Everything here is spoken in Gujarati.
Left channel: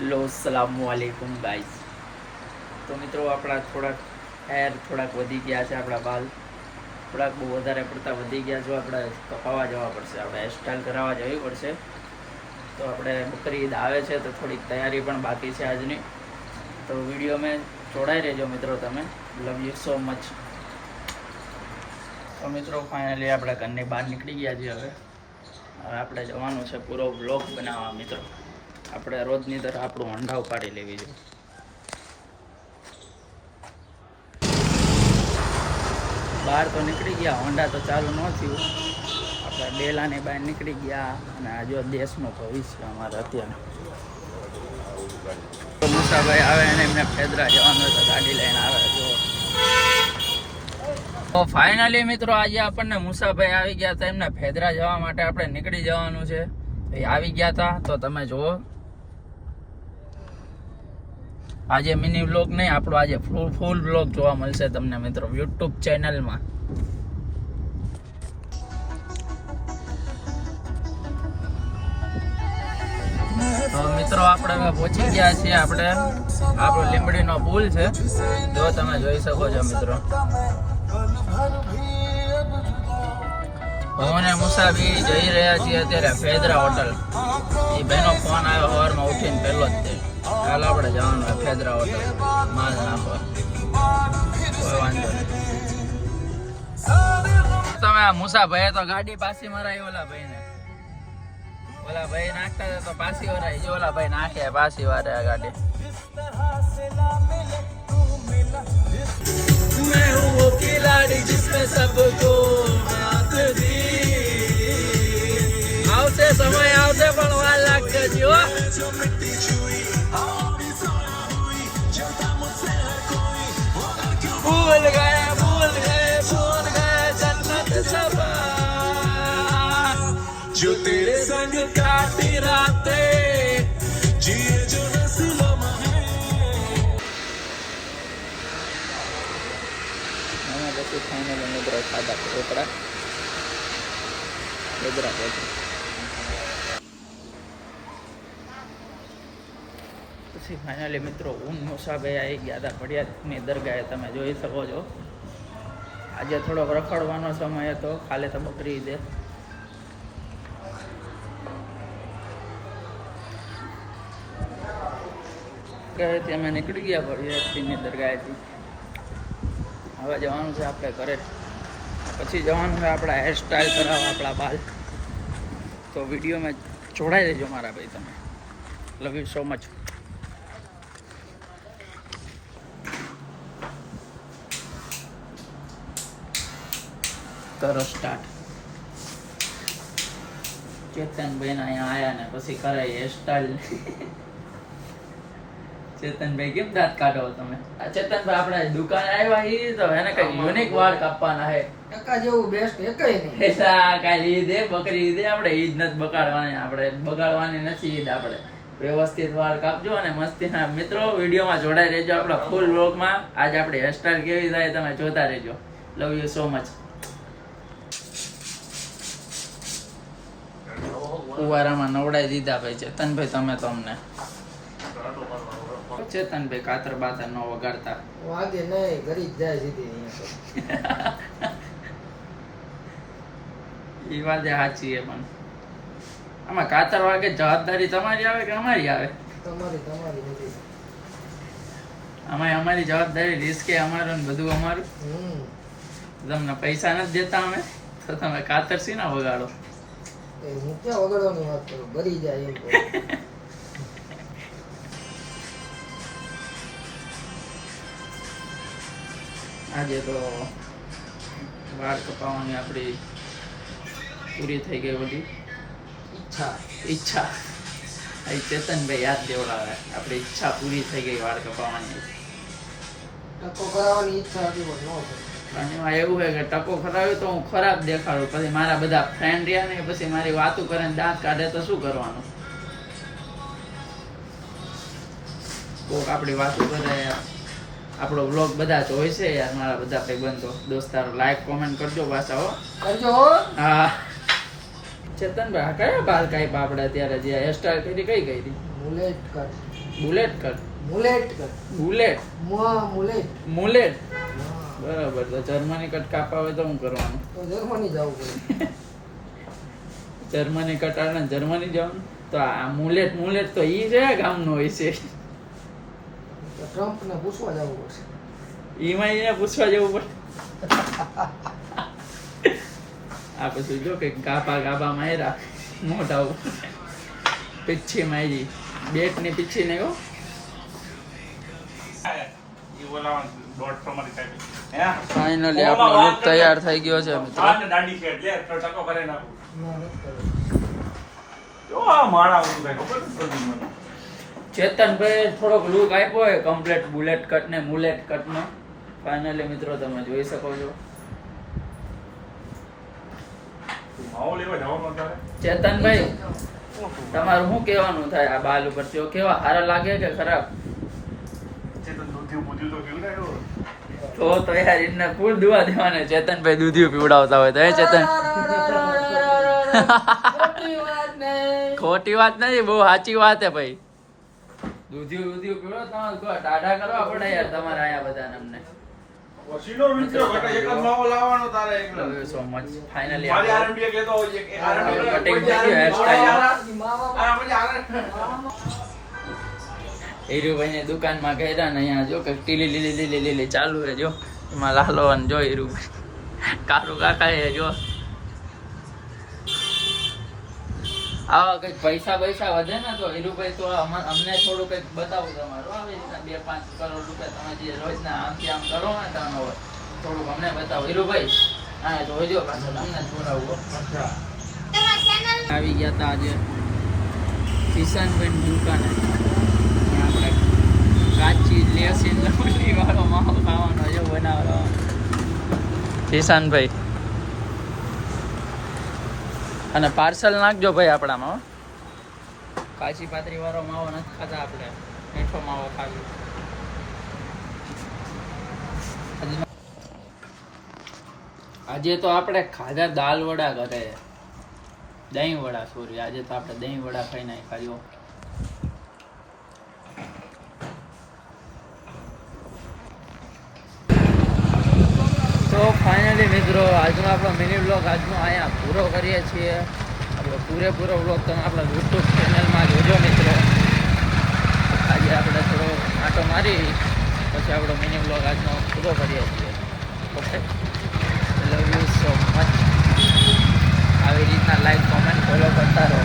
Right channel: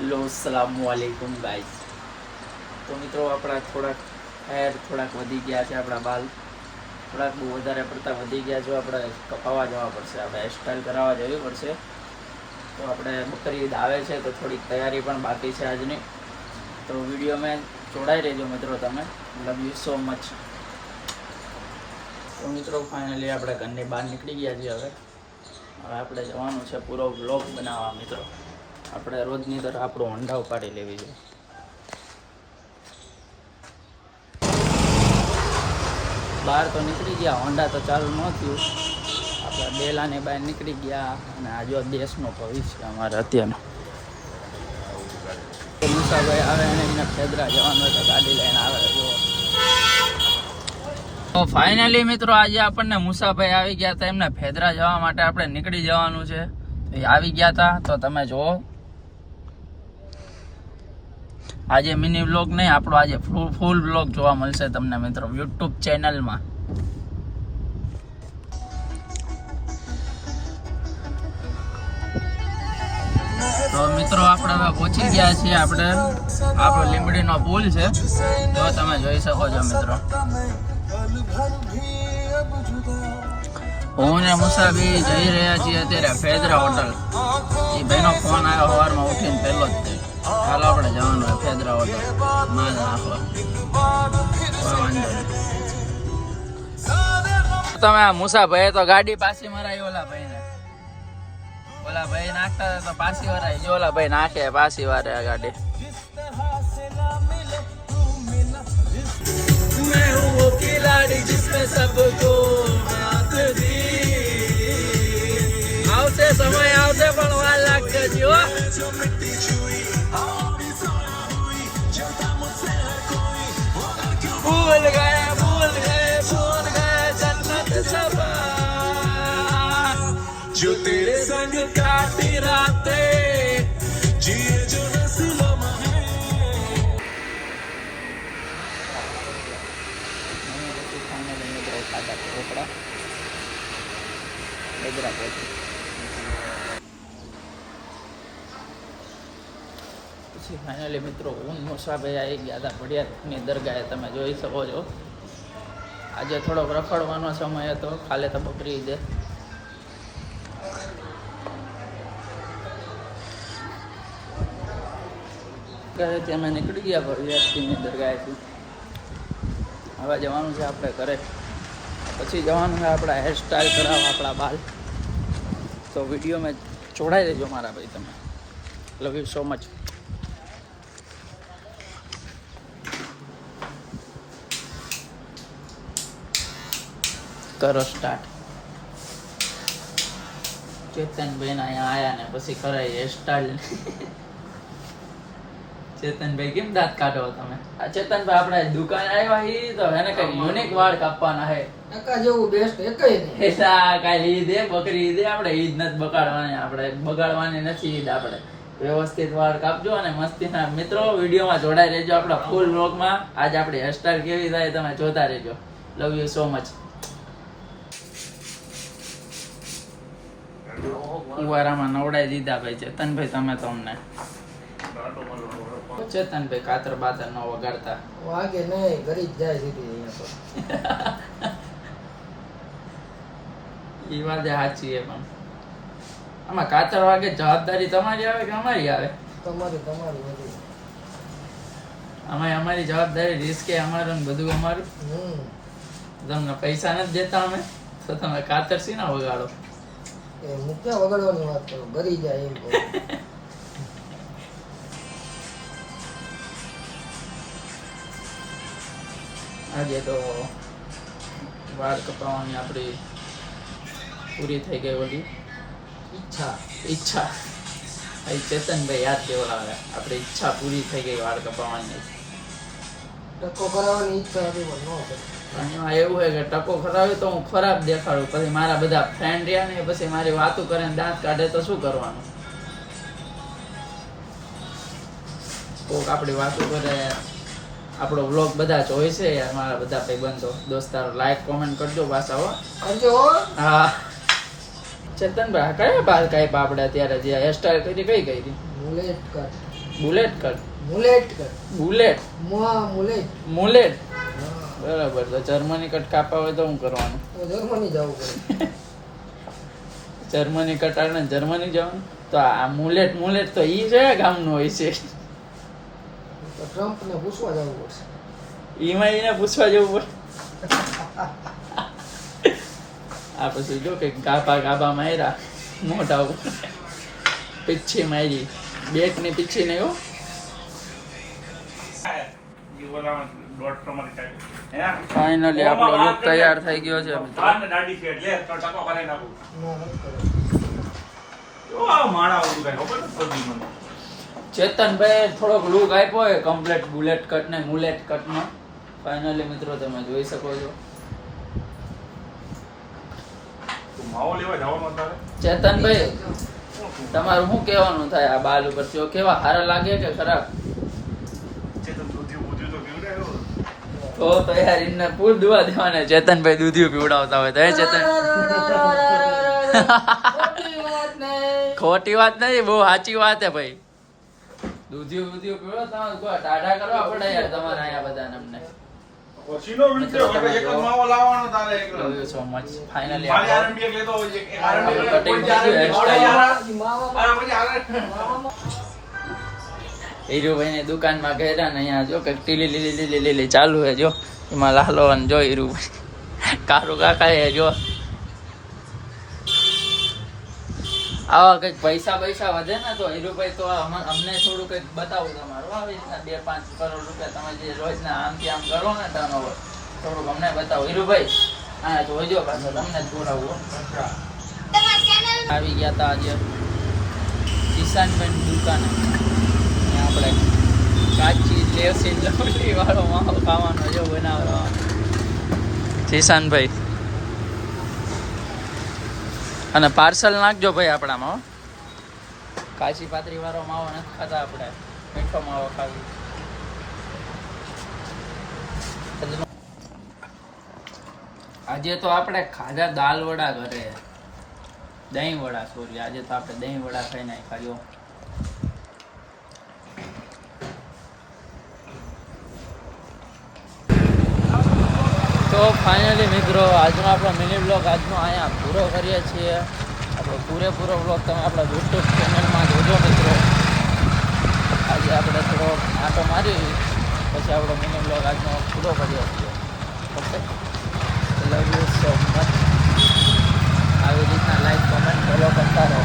લો સલામુઅલૈકુમ ગાઈસ. તો મિત્રો આપણા થોડાક હેર થોડાક વધી ગયા છે, આપણા બાલ થોડાક બહુ વધારે પડતા વધી ગયા. જો આપણે કપાવવા જવા પડશે, આપણે હેરસ્ટાઈલ કરાવવા જવી પડશે. તો આપણે બકરી ઈદ આવે છે તો થોડીક તૈયારી પણ બાકી છે આજની. તો વિડીયોમાં જોડાઈ રહેજો મિત્રો, તમે લવ યુ સો મચ. તો મિત્રો ફાઇનલી આપણે ઘરની બહાર નીકળી ગયા છીએ. હવે આપણે જવાનું છે પૂરો વ્લોગ બનાવવા. મિત્રો આપણે રોજની તરફ આપણું હોન્ડા ઉપાડી લેવી જોઈએ. બહાર તો નીકળી ગયા, હોન્ડા તો ચાલુ ન થયું. આપણે ડેલાની બહાર નીકળી ગયા અને આ જો દેશનો ભવિષ્ય અમારે અત્યારનો. મુસાભાઈ આવે અને એમને ફેદરા જવાનું તો ગાડી લઈને આવે. જો તો ફાઇનલી મિત્રો આજે આપણને મુસાભાઈ આવી ગયા હતા, એમને ફેદરા જવા માટે આપણે નીકળી જવાનું છે. એ આવી ગયા હતા તો તમે જુઓ. આજે મિની વ્લોગ નહીં, આપણો આજે ફૂલ વ્લોગ જોવા મળશે તમને મિત્રો યુટ્યુબ ચેનલમાં. તો મિત્રો આપણે હવે પહોંચી ગયા છીએ. આપણે આપણો લીંબડીનો પુલ છે, જો તમે જોઈ શકો છો મિત્રો. હું ને મુસાફી જઈ રહ્યા છીએ અત્યારે ફેદરા હોટલ. એ ભાઈનો ફોન આવ્યો સવારમાં ઉઠીને પહેલો જ તે. ચાલો આપણે જવાનું ફેદરા હોટલ માલ નાખવા. કોઈ વાંધો નહીં. તમે મુસાભાઈ તો ગાડી પાછી મરાઈ ઓલા ભાઈને. ઓલા ભાઈ નાખતા તો પાછી વરાઈ. જો ઓલા ભાઈ નાખે પાછી વારે આ ગાડી. मैं हूँ वो खिलाड़ी जिसमें सबको मात दी. આવશે સમય આવશે પણ વાર લાગશે જીઓ. ભૂલ ગए जन्नत सफा जो तेरे संग काटी रातें जिए जो नस्लों ફાઇનલ મિત્રો ખાધા ઢોકળા ફેદરા પહોંચી. પછી ફાઇનલી મિત્રો ઊન મુસાભાઈ આવી ગયા હતા ભડિયાની દરગાહે. તમે જોઈ શકો છો. આજે થોડોક રખડવાનો સમય હતો, કાલે તો બકરી ઈદે. ગયેથી અમે નીકળી ગયા ભડિયાની દરગાહેથી. હવે જવાનું છે આપણે ઘરે. પછી જવાનું છે આપણા હેરસ્ટાઈલ કરાવવા આપણા બાલ. તો વિડીયોમાં જોડાઈ દેજો મારા ભાઈ તમે. Love you so much. કરો સ્ટાર્ટ. ચેતનભાઈ અહીંયા આયા ને પછી કરાય હેરસ્ટાઈલ. ચેતનભાઈ કેમ દાંત કાઢો તમે? ચેતનભાઈ આપણે દુકાન આવ્યા ઈ તો એને કઈ યુનિક વાળ કાપવાના હે. એકા જેવું બેસ્ટ એકય નહીં. એસા કાઈ ઈદ હે, બકરી ઈદ હે. આપણે ઈદ નથી બગાડવાની, આપણે બગાડવાની નથી ઈદ. આપણે વ્યવસ્થિત વાળ કાપજો અને મસ્તીના મિત્રો વિડીયોમાં જોડાઈ રહેજો આપણા ફૂલ વ્લોગમાં. આજ આપણી હેરસ્ટાઈલ કેવી થાય તમે જોતા રહેજો. Love you so much. ઉવારામાં નવડાઈ દીધા ભાઈ ચેતનભાઈ તમે તો અમને. ચેતનભાઈ કાતર બાતર ન વગાડતા. વાગે નહીં, ઘરી જ જાય સીધી અહીંયા તો એ વાત સાચી છે, પણ આમાં કાતર વાગે જવાબદારી તમારી આવે કે અમારી આવે? તમારી બધી. આમાં અમારી જવાબદારી, રિસ્ક એ અમારું ને બધું અમારું. તમને પૈસા નથી દેતા અમે તો તમે કાતર સી ના વગાડો? હું ક્યાં વગાડવાની વાત કરું, ઘરી જાય એમ કહું. આજે તો વાળ કપાવવાની આપણી પૂરી થઈ ગઈ બધી ઈચ્છા. ચેતનભાઈ યાદ દેવડાવે આપણી ઈચ્છા પૂરી થઈ ગઈ વાળ કપાવવાની. ટકો કરાવવાની ઈચ્છા હતી પણ ન કરી. પણ એમાં એવું છે કે ટકો કરાવ્યો તો હું ખરાબ દેખાડું, પછી મારા બધા ફ્રેન્ડ રહ્યા ને પછી મારી વાતો કરે ને દાંત કાઢે તો શું કરવાનું? કોક આપણી વાતો કરે. આપણો વ્લોગ બધા જોઈ છે યાર, મારા બધા ભાઈબંધો દોસ્તારો. લાઈક કોમેન્ટ કરજો પાછા હો. કરજો. હા ચેતનભાઈ કયા બાલ કાપ્યા આપણે અત્યારે જે હેરસ્ટાઈલ કરી કઈ કરી? Mullet cut. Bullet cut mullet cut. Bullet mullet. Mullet હા. બરાબર. તો જર્મની કટ કાપવા હોય તો શું કરવાનું? તો જર્મની જવું પડે. જર્મની કટ આવે ને જર્મની જવાનું. તો આ મુલેટ તો ઈ કયા ગામનો હોય છે? તો ટ્રમ્પને પૂછવા જવું પડશે. ઈમાં એને પૂછવા જવું પડે. આ પછી જો કે ગાબા માર્યા મોટા ઉપર. પીછી મારી બેટ ની પીછી નહીં હો. ફાઇનલી આપણો લુક તૈયાર થઈ ગયો છે મિત્રો. ના, નથી કરવું. ચેતનભાઈ થોડોક લુક આપ્યો હોય કમ્પ્લીટ બુલેટ કટ ને મુલેટ કટ નો. ફાઇનલી મિત્રો તમે જોઈ શકો છો. ચેતનભાઈ તમારું શું કહેવાનું થાય આ બાલ ઉપર? તેઓ કેવા સારા લાગે કે ખરાબ? તો યાર એને ફૂલ દુઆ દેવાના. ચેતનભાઈ દૂધિયું પીવડાવતા હોય તો હે ચેતન? ખોટી વાત નહીં, બહુ સાચી વાત હે ભાઈ. દૂધિયું પીવડો તમારે કોઈ ટાઢા કરવા પડે યાર તમારે અહીંયા બધાને અમને. મિત્રો તમે જો love you so much. Finally આપણું કટિંગ થઈ ગયું હેરસ્ટાઈલ. હીરુભાઈ ની દુકાનમાં ગયા ને અહીંયા જો કે લીલી ચાલુ હે. જો એમાં લાલો અને જો હીરુભાઈ કારું કાકા હે. જો આવા કઈક પૈસા વધે ને તો હીરુભાઈ તો અમને થોડું કઈક બતાવું તમારું. આવી રીતના 2-5 કરોડ રૂપિયા તમે જે રોજના આમથી આમ કરો ને ટર્નઓવર થોડુંક અમને બતાવો હીરુભાઈ. હા તો જોજો પાછો તમને જ બોલાવું. આવી ગયા તા આજે કિસાનભાઈ દુકાને. આપણે કાચી લેસીન લવલી વાળો માવો ખાવાનો જો બનાવવાનો. કિસાનભાઈ અને પાર્સલ નાખજો ભાઈ આપણામાં. કાચી પાતરી વાળો માવો નથી ખાતા આપણે, મીઠો માવો ખાવી. આજે તો આપણે ખાધા દાલ વડા ઘરે, દહીં વડા સોરી. આજે તો આપણે દહીં વડા ખાઈ નાખ્યા. તો ફાઇનલી મિત્રો આજનો આપણો મિની બ્લોગ આજનો અહીંયા પૂરો કરીએ છીએ. આપણો પૂરેપૂરો બ્લોગ તમે આપણા યુટ્યુબ ચેનલમાં જોજો મિત્રો. આજે આપણે થોડો આંટો મારી પછી આપણો મિની બ્લોગ આજનો પૂરો કરીએ છીએ. Okay, love you so much. આવી રીતના લાઈક કોમેન્ટ ફોલો કરતા રહો.